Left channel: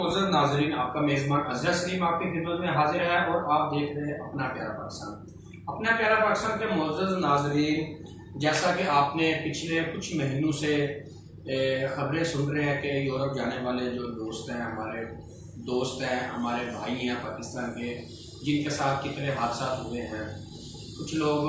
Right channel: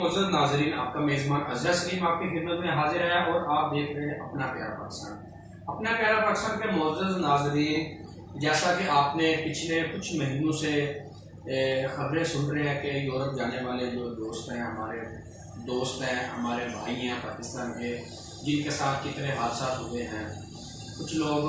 मोअज़्ज़ज़ नाज़रीन, आपका मेज़बान अज़हर सलीम आपकी खिदमत में हाजिर है और आप देख रहे हैं अपना प्यारा पाकिस्तान। अपना प्यारा पाकिस्तान के मोअज़्ज़ज़ नाज़रीन, जैसा कि आपने पिछले कुछ महीनों से ख़बरें सुन रहे हैं कि यूरोप जाने वाले जो दोस्त हैं, हमारे भाई हैं पाकिस्तान के, जिनके साथ कितने हादसा हुए हैं। कुछ लोग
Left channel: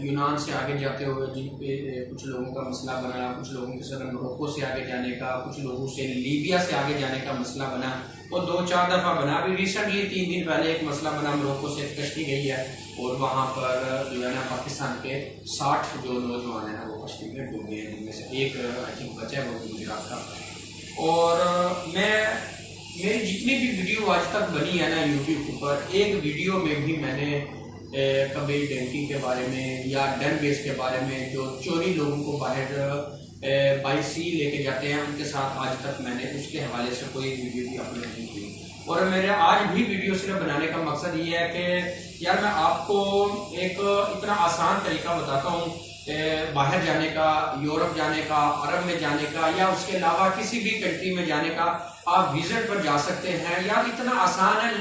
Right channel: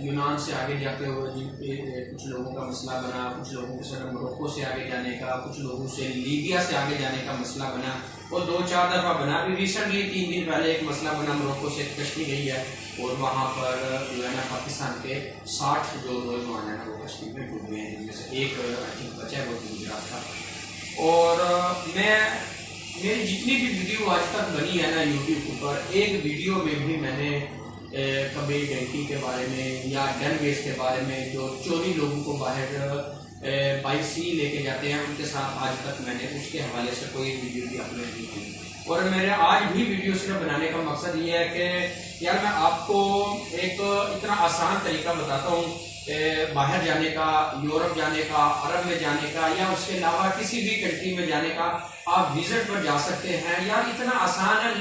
यूनान से आगे जाते हुए जिन पे कुछ लोगों का मसला बना, कुछ लोगों के साथ मोरक्को से आगे जाने का, कुछ लोगों से लीबिया से आगे जाने का मसला बना। वो 2-4 दफ़ा बना। अभी रिसेंटली 3 दिन पहले एक मसला बना, मोरक्को से कश्ती गई है और वहाँ पर जो है ना पाकिस्तान के 60 जो नौजवान है ना वो कश्ती में डूब गए हैं, जिनमें से एक आई थिंक बचा है, वो गुजरात का। और मेरी जितनी भी वीडियो आज तक बनी है ना यूट्यूब पर, एक वीडियो में भी मैंने कभी डेंकी के बारे में या डन बेस के बारे में, जो चोरी लोगों को बाहर बाई सी लेके जाते हैं, उनके साथ आज तक मैंने उसके हवाले से कोई वीडियो भी अपलोड नहीं की। और मेरे आज भी वीडियो सिर्फ बनाने का मकसद ये है कि यार मैं आपको एक इतना आसान तरीका बताता हूँ बाहर जाने का, यूरोप जाने का, अरब में जाने का, या उसके अलावा किसी भी कंट्री में जाने का। आप विजिट पर जा सकते हैं यार, इतना आसान है।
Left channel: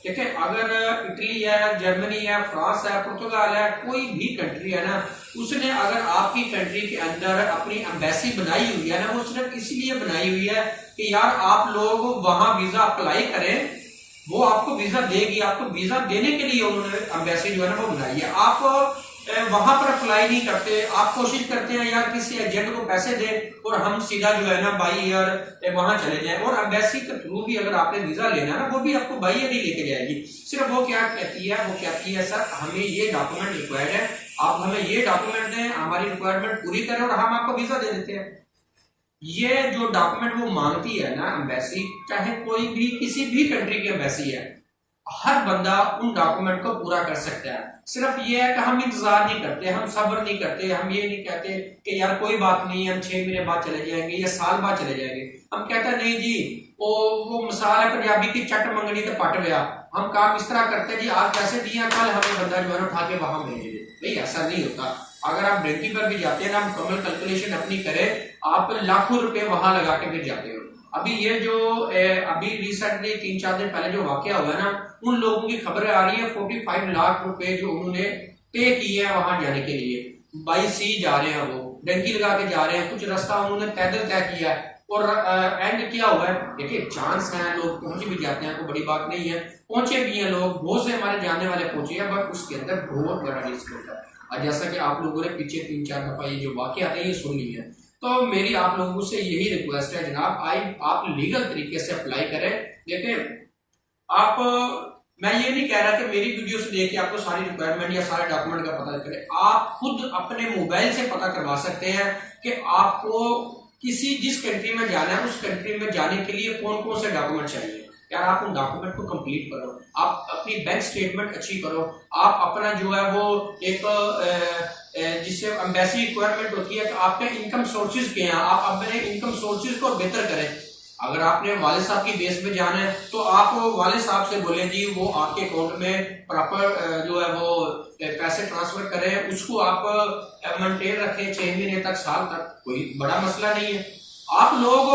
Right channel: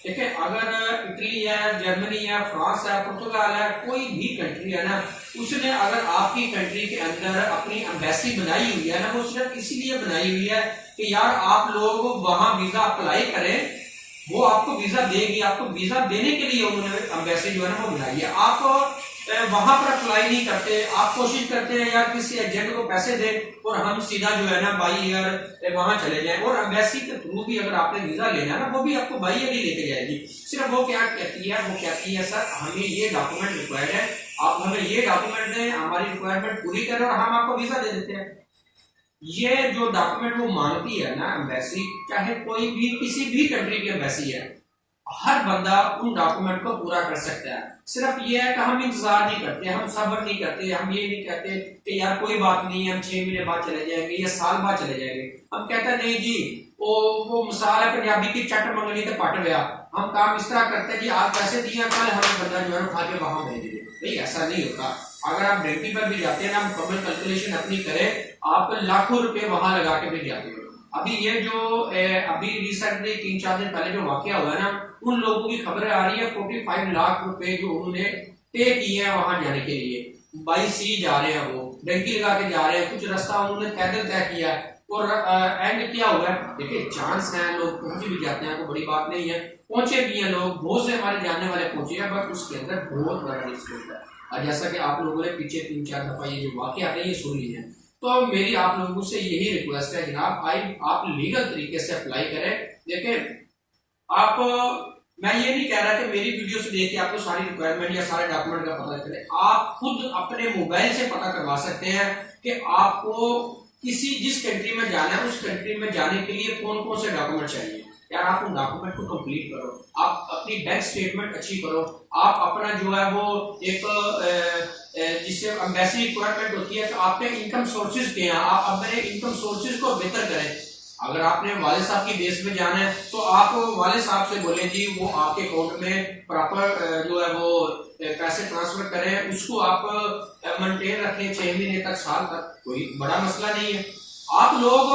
ठीक है, अगर इटली है, जर्मनी है, फ्रांस है, पुर्तगाल है, कोई भी कंट्री है ना, उसने अगर आपकी कंट्री के अंदर अपनी एम्बेसी बनाई हुई है ना, वो सिर्फ इसलिए बनाई हुई है कि यार आप लोग वहां वीजा अप्लाई करें, वो आपको वीजा देगी। आपको वीजा देने के लिए उन्होंने एम्बेसी जो है ना वो बनाई है। आप वहां पर अप्लाई नहीं करते, आप कोशिश करते हैं यार किसी एजेंट को पैसे दें और हम सीधा जो है ना बाई ईयर वहां चले जाएं। और एम्बेसी के थ्रू भी अगर आपने वीजा लेना ना, वो भी आपको बाई ईयर ही लेके जाएगी। सिर्फ वो क्या कहती है, वो कहती है सर हमें ये डॉक्यूमेंट रिक्वायर्ड है, आप हमें ये डॉक्यूमेंट दें, हमारी रिक्वायरमेंट पूरी करें और हम आपको वीजा दे देते हैं। ये जो डॉक्यूमेंट वो मांगती है ना एम्बेसी, चाहे कोई भी किसी भी कंट्री की एम्बेसी है, हर बंदा उन डॉक्यूमेंट को पूरा कर सकता है। सिर्फ ये है कि हम इंतजार नहीं करते, हम सब्र नहीं करते, हम ये नहीं कहते कि यार कोई बात नहीं है, हम 6 महीने बाद चले जाएंगे या साल बाद चले जाएंगे। हम कहते हैं नहीं जी, वो मिसाल है पंजाबी की चट मंगनी तो पट गया। हम काम इस तरह करते हैं जी, आज पैसे दिए, कल हमें बंदा जो है उठा के वहां भेज दे। भाई ऐसा नहीं होता। अगर आप डेंकी पर भी जाते हैं ना, मुकम्मल कैलकुलेशन अपनी करें, आप लाखों रुपए वहां लगा के भी जाते हो। अभी ये जो अभी रिसेंटली 3-4 दिन पहले जो वाकया हुआ है ना, उन लोगों की खबरें आ रही है 45 लाख रुपए जो उन्होंने पे किए हैं वहां जाने के लिए। बाई सी जा रहे हैं, वो डंकी लगा के जा रहे हैं, कुछ रास्ता उन्होंने पैदल तय किया है। और एंड क्या हुआ है, देखिए चांस है, लोग पहुंच भी जाते हैं, कोई बड़ी बात नहीं है, पहुंचे भी हैं लोग, बहुत से हमारे जानने वाले पहुंचे हैं, बट उसके अंदर बहुत बड़ा रिस्क होता है। और जैसा कि आप लोगों ने पीछे 3-4 दफा ये जो वाकया है ये सुन ली है, तो मेरी आप लोगों से यही रिक्वेस्ट है जनाब, आप लीगल तरीके से अप्लाई करें। देखिए मैं ये नहीं कह रहा कि मेरी वीडियो से देख के आपको सारी रिक्वायरमेंट या सारे डॉक्यूमेंट का पता करें। आप खुद अपने मोबाइल से पता करवा सकते हैं कि आपको जिस कंट्री में जाना है, उस कंट्री में जाने के लिए कौन कौन से डॉक्यूमेंट चाहिए। यार आप उन डॉक्यूमेंट को कंप्लीट करो, आप अपनी बैंक स्टेटमेंट अच्छी करो, आप अपना जो है वो एक जिससे एम्बेसी रिक्वायरमेंट होती है कि आपके इनकम सोर्सेज क्या हैं, आप अपने इनकम सोर्सेज को बेहतर करें। अगर आपने वाले साहब की बेस में जाना है तो आप वाले साहब से बोले जी वो आपके अकाउंट में प्रॉपर जो है वो पैसे ट्रांसफर करें, उसको आप मेंटेन रखें 6 महीने तक, साल तक, कोई बड़ा मसला नहीं है। आप लोग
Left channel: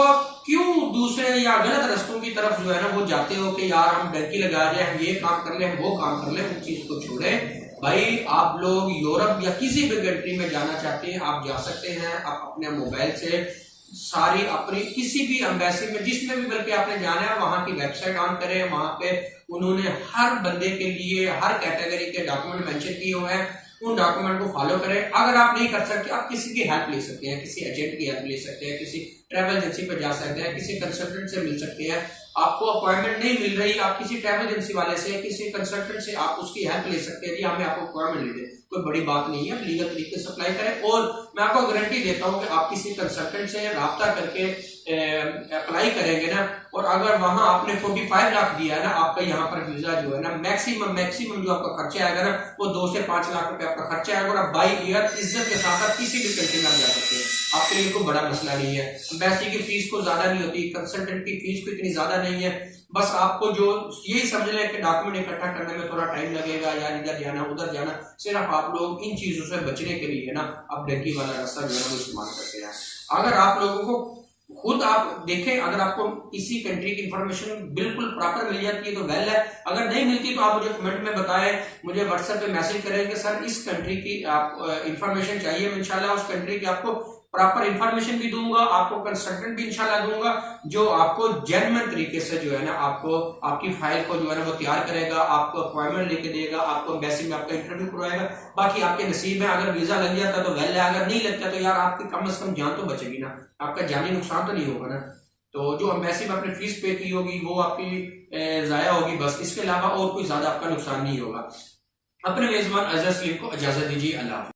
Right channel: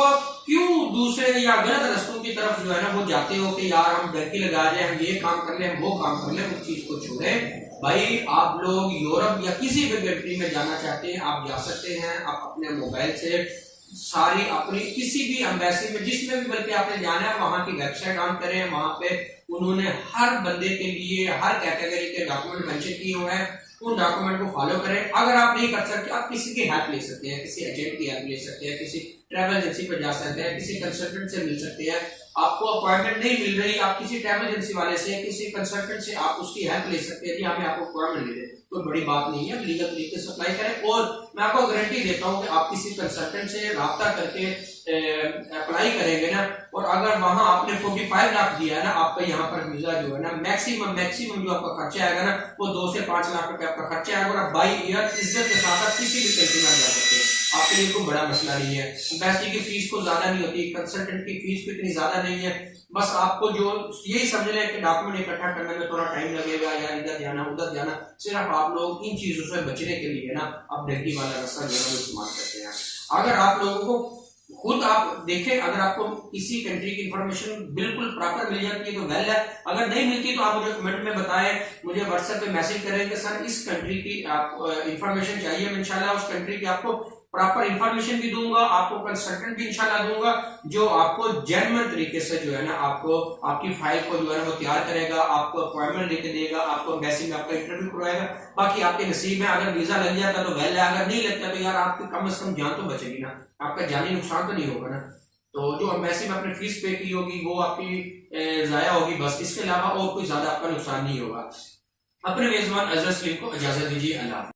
क्यों दूसरे या गलत रास्तों की तरफ जो है ना वो जाते हो कि यार हम डंकी लगा जाए, हम ये काम कर ले, हम वो काम कर ले। उस चीज को छोड़ें भाई। आप लोग यूरोप या किसी भी कंट्री में जाना चाहते हैं, आप जा सकते हैं। आप अपने मोबाइल से सारी अपनी किसी भी एम्बेसी में जिसमें भी बल्कि आपने जाना है, वहां की वेबसाइट ऑन करें, वहां पे उन्होंने हर बंदे के लिए हर कैटेगरी के डॉक्यूमेंट मेंशन किए हुए हैं, उन डॉक्यूमेंट को फॉलो करें। अगर आप नहीं कर सकते, आप किसी की हेल्प ले सकते हैं, किसी एजेंट की हेल्प ले सकते हैं, किसी ट्रैवल एजेंसी पर जा सकते हैं, किसी कंसल्टेंट से मिल सकते हैं। आपको अपॉइंटमेंट नहीं मिल रही, आप किसी ट्रैवल एजेंसी वाले से, किसी कंसल्टेंट से आप उसकी हेल्प ले सकते हैं, जी हमें आपको अपॉइंटमेंट ले दे, कोई बड़ी बात नहीं है। लीगल तरीके से अप्लाई करें। और मैं आपको गारंटी देता हूं कि आप किसी कंसल्टेंट से राब्ता करके अप्लाई करेंगे ना, और अगर वहां आपने 45 लाख दिया है ना, आपका यहाँ पर वीजा जो है ना मैक्सिमम जो आपका खर्चा आएगा ना, वो 2 से 5 लाख रुपए आपका खर्चा आएगा। और आप बाई ईयर इज्जत के साथ आप किसी भी कंट्री में जा सकते हैं, आपके लिए कोई बड़ा मसला नहीं है। एम्बेसी की फीस को ज्यादा नहीं होती, कंसल्टेंट की फीस भी इतनी ज्यादा नहीं है। बस आपको जो यही समझ लें कि डॉक्यूमेंट इकट्ठा करने में थोड़ा टाइम लगेगा, यार इधर जाना उधर जाना। सिर्फ आप लोग इन चीजों से बचने के लिए ना अब डंकी वाला रास्ता जो है वो इस्तेमाल करते हैं। अगर आप लोगों को खुद आप देखें, अगर आपको किसी कंट्री की इंफॉर्मेशन बिल्कुल प्रॉपर मिल जाती है तो वेल है, अगर नहीं मिलती तो आप मुझे कमेंट में बताएं, मुझे व्हाट्सएप पे मैसेज करें कि सर इस कंट्री की आप इंफॉर्मेशन चाहिए, मैं इंशाल्लाह उस कंट्री की आपको प्रॉपर इंफॉर्मेशन भी दूंगा, आपको कंसल्टेंट भी इंशाल्लाह दूंगा जो आपको जेन्युइन तरीके से जो है ना आपको आपकी फाइल को जो है ना वो तैयार करेगा, आपको अपॉइंटमेंट लेके देगा, आपको एम्बेसी में आपका इंटरव्यू करवाएगा। बाकी आपके नसीब में अगर वीजा लग जाता तो वेल है, अगर नहीं लगता तो यार आपकी कम से कम जान तो बचेगी ना, आपका जानी नुकसान तो नहीं होगा ना। तो जो एम्बेसी में आपने फीस पे की होगी वो आपकी जाया होगी, बस इसके अलावा और कोई ज्यादा आपका नुकसान नहीं होगा। अपने मेजबान अजहर सलीम को इजाजत दीजिए। अल्लाह।